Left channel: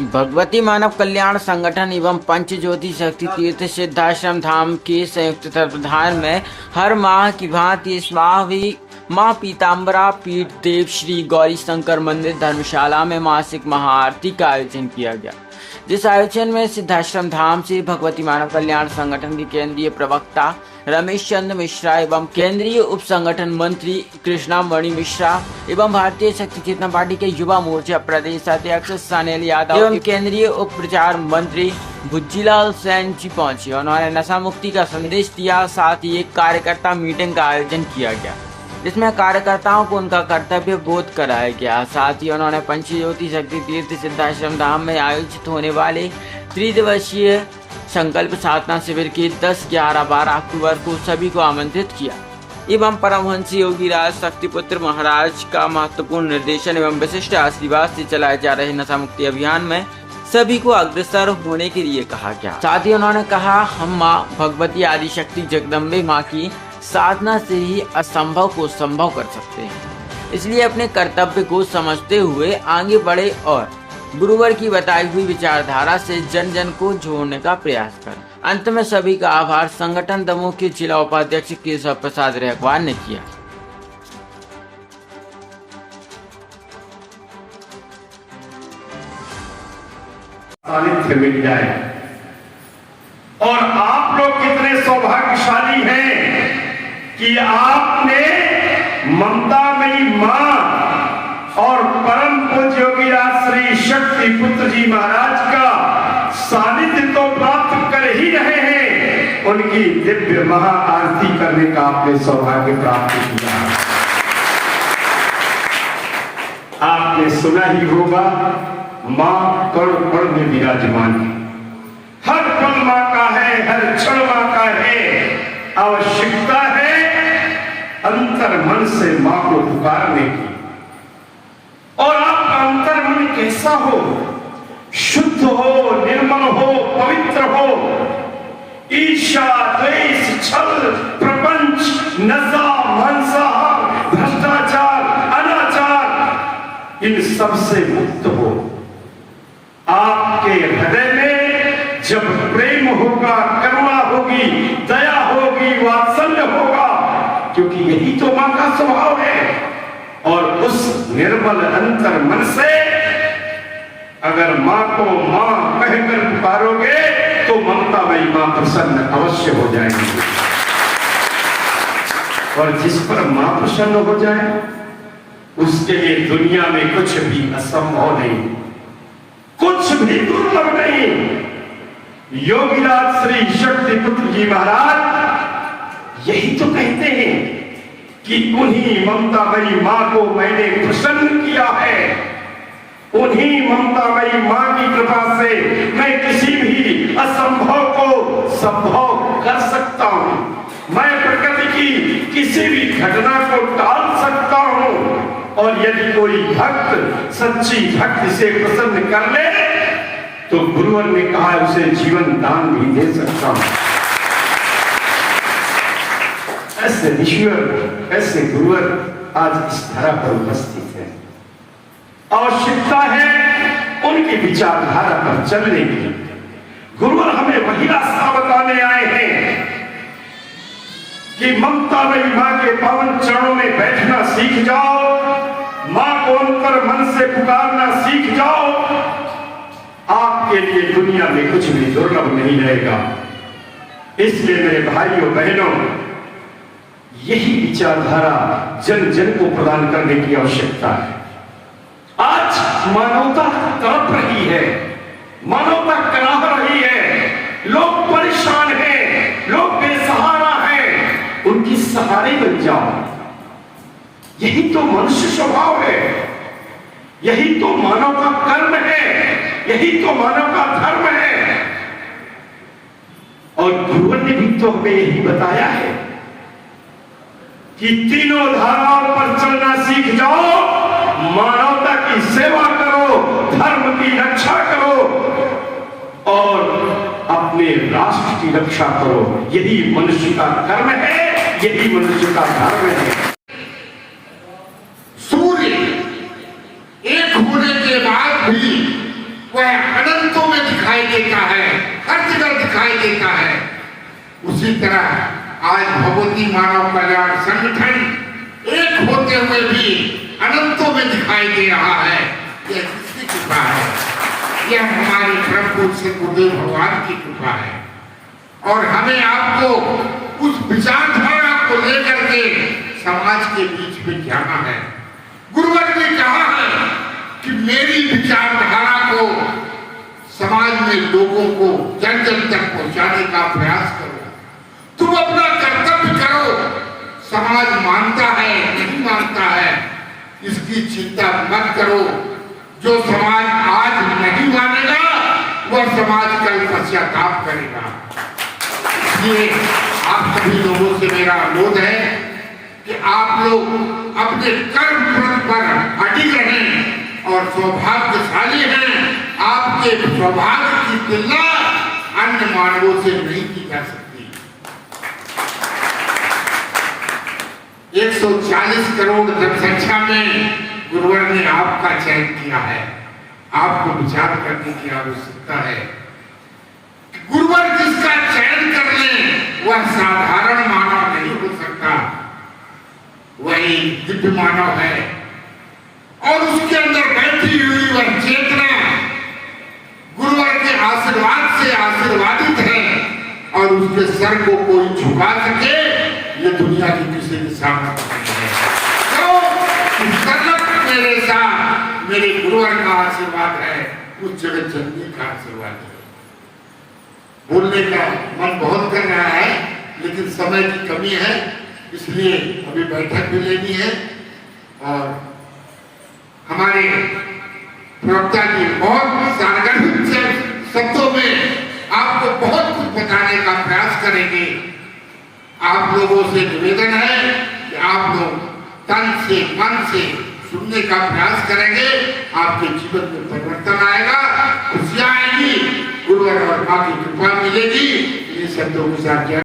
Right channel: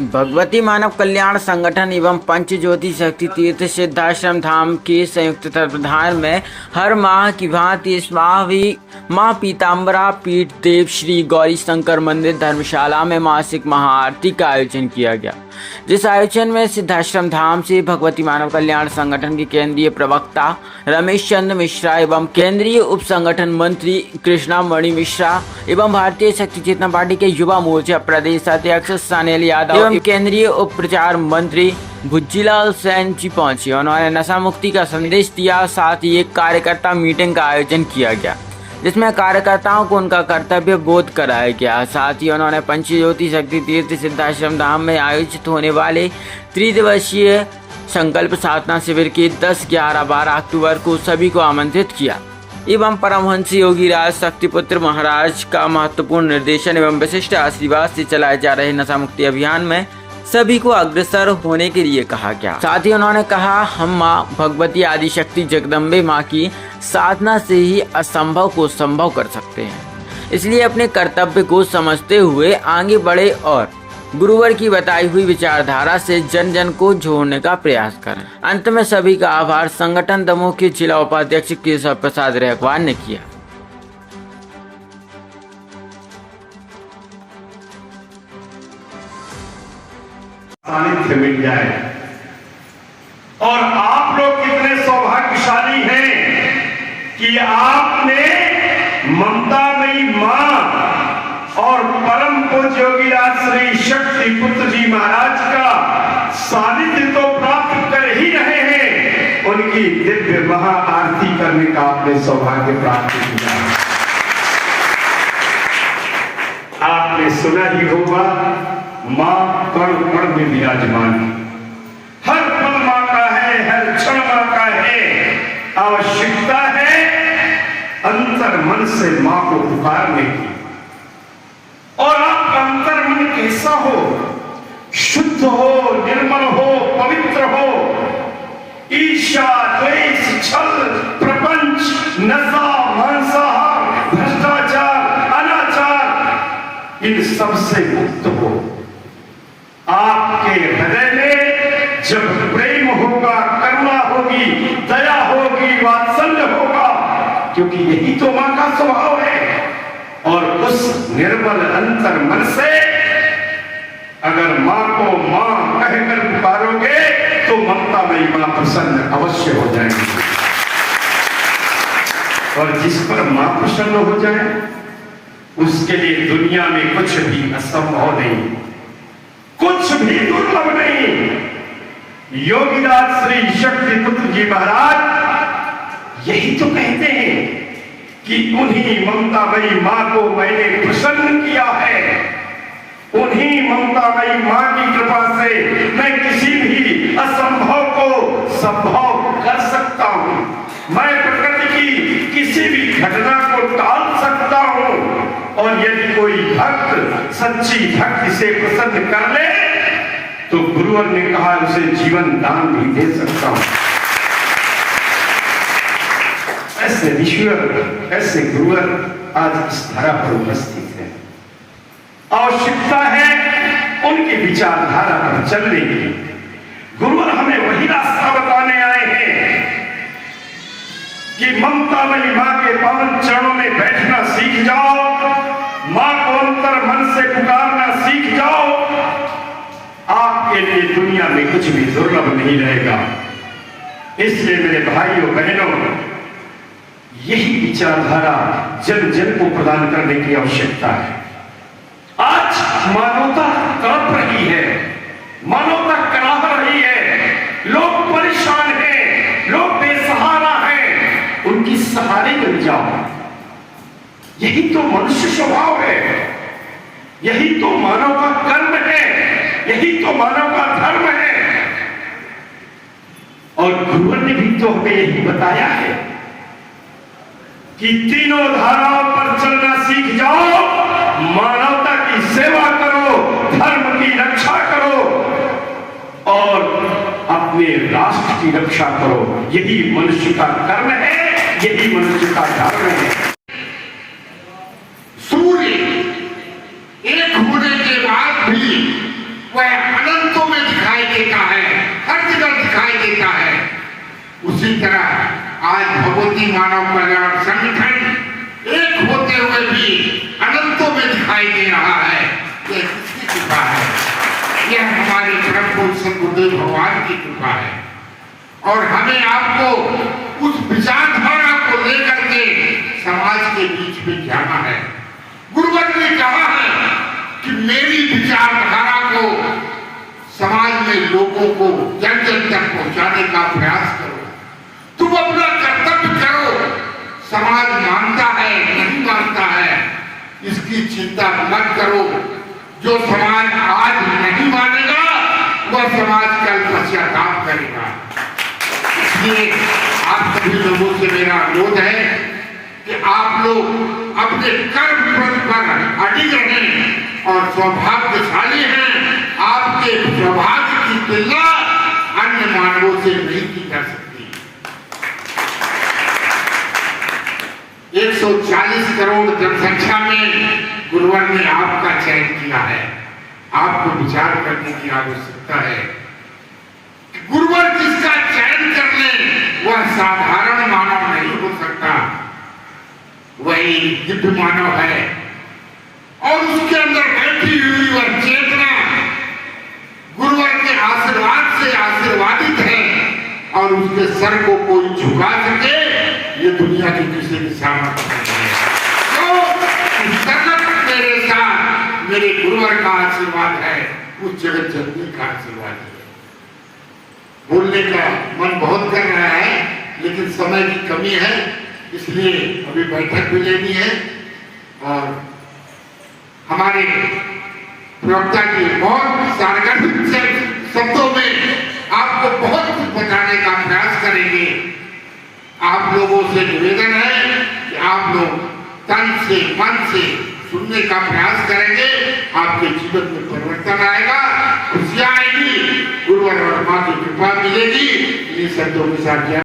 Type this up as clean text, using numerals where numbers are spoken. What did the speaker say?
भगवती मानव कल्याण संगठन एवं पंच ज्योति शक्ति तीर्थ सिद्धाश्रम धाम के संयुक्त तत्वाधान में हर माह की भांति इस माह भी मां पीताम्बरा पीठ देव श्री गौरी शंकर मंदिर धर्मशाला में मासिक महाआरती का आयोजन किया गया। जिस आयोजन में सिद्धाश्रम धाम से भगवती मानव कल्याण संगठन के केंद्रीय प्रवक्ता रमेश चंद्र मिश्रा एवं केंद्रीय उप संगठन मंत्री कृष्णा मणि मिश्रा एवं भारतीय शक्ति चेतना पार्टी के युवा मोर्चा प्रदेश अध्यक्ष सनेल यादव एवं केंद्रीय उप प्रचार मंत्री भुज्जीलाल सैन जी पहुंचे। उन्होंने नशा मुक्ति का संदेश दिया। साथ ही एक कार्यकर्ता मीटिंग का आयोजन किया गया जिसमें कार्यकर्ताओं को उनका कर्तव्य बोध कराया गया। साथ ही उन्होंने पंच ज्योति शक्ति तीर्थ सिद्धाश्रम धाम में आयोजित होने वाले त्रिदिवसीय संकल्प साधना शिविर के 10, 11, 12 अक्टूबर को सभी को आमंत्रित किया एवं परमहंस योगी राज शक्तिपुत्र महाराज का महत्वपूर्ण निर्देशन एवं विशिष्ट आशीर्वाद से चलाए जा रहे नशा मुक्ति अभियान में सभी को अग्रसर होने के लिए कहा गया। साथ ही उन्होंने कहा, हम मां भगवती आदि शक्ति जगदम्बे मां की साधना से ही असंभव को संभव कर सकते हैं, इसलिए अपने कर्तव्य को समझते हुए आगे बढ़े और गुरुवर की बताई हुई विचारधारा से जन जन को जोड़ने का प्रयास करें। अंत में सभी का आभार संगठन दमोह के जिला उपाध्यक्ष केशव प्रसाद रेखवार ने किया। सानिध्य मिल जाए। और आप लोग कितने सौभाग्यशाली हैं कि आपने ममतामयी मां और परम पूज्य योगी राज श्री शक्ति पुत्र जी महाराज का सानिध्य तो प्राप्त कर ही रहे हैं, उनकी दिव्य महाआरती करने का आपने सौभाग्य प्राप्त किया। आपने सुना ही होगा, मां कण कण में विराजमान है, हर पल मां का है, हर क्षण मां का है। आवश्यकता है अंतर मन से मां को पुकारने की। और आपका अंतर मन कैसा हो? शुद्ध हो, निर्मल हो, पवित्र हो। ईर्ष्या, द्वेष, छल, प्रपंच, नशा, मांसाहार, भ्रष्टाचार, अनाचार, इन सब से मुक्त हो। आपके हृदय में जब प्रेम होगा, करुणा होगी, दया होगी, वात्सल्य होगा, क्योंकि यही तो मां का स्वभाव है। और उस निर्मल अंतर मन से अगर मां को मां कहकर पुकारोगे तो ममतामयी मां प्रसन्न अवश्य हो जाएगी। और जिस पर मां प्रसन्न हो जाए उसके लिए दुनिया में कुछ भी असंभव नहीं, कुछ भी दुर्लभ नहीं। योगीराज श्री शक्ति पुत्र जी महाराज यही तो कहते हैं कि उन्हीं ममतामयी मां को मैंने प्रसन्न किया है, उन्हीं ममतामयी मां की कृपा से मैं किसी भी असंभव को संभव कर सकता हूं। मैं प्रकृति की किसी भी घटना को टाल सकता हूं। और यदि कोई भक्त सच्ची भक्ति से प्रसन्न कर ले तो गुरुवर ने कहा उसे जीवन दान भी दे सकता हूं। ऐसे ईश्वर, ऐसे गुरुवर आज इस धरा पर उपस्थित है। आवश्यकता है उनकी विचारधारा पर चलने की। गुरुवर हमें वही रास्ता बताने आए हैं कि ममतामयी मां के पावन चरणों में बैठना सीख जाओ, मां को अंतर मन से पुकारना सीख जाओ। आपके लिए दुनिया में कुछ भी दुर्लभ नहीं रहेगा। इसलिए मेरे भाइयों बहनों, यही विचारधारा जन जन को प्रदान करने की आवश्यकता है। आज मानवता तड़प रही है, मानवता कराह रही है, लोग परेशान हैं, लोग बेसहारा हैं, उनकी सहारे बन जाओ। यही तो मनुष्य स्वभाव है, यही तो मानव का कर्म है, यही तो मानव का धर्म है। और गुरुवर ने भी तो हमें यही बताया है कि तीनों धाराओं पर चलना सीख जाओ, मानवता की सेवा करो, धर्म की रक्षा करो और अपने राष्ट्र की रक्षा करो। यही मनुष्य का कर्म है, यही मनुष्य का धर्म है। सूर्य एक होने के बाद भी वह देता है, हर जगह दिखाई देता है। उसी तरह आज भगवती मानव कल्याण संगठन एक होते हुए भी अनंतों में दिखाई दे रहा है। यह किसकी कृपा है? यह हमारे परम पूज्य श्री गुरुदेव भगवान की कृपा है। और हमें आपको उस विचारधारा को लेकर के समाज के बीच में जाना है। गुरुवर ने कहा है कि मेरी विचारधारा को समाज में लोगों को जन जन तक पहुंचाने का प्रयास करो। तुम अपना कर्तव्य करो। समाज मानता है नहीं मानता है इसकी चिंता मत करो। जो समाज आज नहीं मानेगा वह समाज कल पश्चाताप करेगा। इसलिए आप सभी लोगों से मेरा अनुरोध है कि आप लोग अपने कर्म पथ पर अडिग रहें और सौभाग्यशाली हैं। आपके सौभाग्य की तुलना अन्य मानवों से नहीं की जा सकती। 140 करोड़ जनसंख्या में गुरुवर ने आपका चयन किया है। आपको विचार करने की आवश्यकता है। गुरुवर जिसका चयन कर ले वह साधारण मानव नहीं हो सकता, वही दिव्य मानव है। और उसके अंदर बैठी हुई वह चेतना गुरुवर के आशीर्वाद से आशीर्वादित है। और उसके सर को कोई झुका सके ये दुनिया की किसी के सामने नहीं है। तो सतत मेरे साथ मेरे गुरुवर का आशीर्वाद है, उस जगत जननी का आशीर्वाद है। बोलने का मन बहुत कर रहा है लेकिन समय की कमी है, इसलिए अभी बैठक भी लेनी है। और हमारे प्रवक्ता जी बहुत सारगर्भित शब्दों में आपको बहुत कुछ बताने का प्रयास करेंगे। आप लोगों से निवेदन है कि आप लोग तन से मन से सुनने का प्रयास करेंगे। आपके जीवन में परिवर्तन आएगा, खुशियां आएगी, गुरुवर और मां की कृपा मिलेगी। ये शब्दों के साथ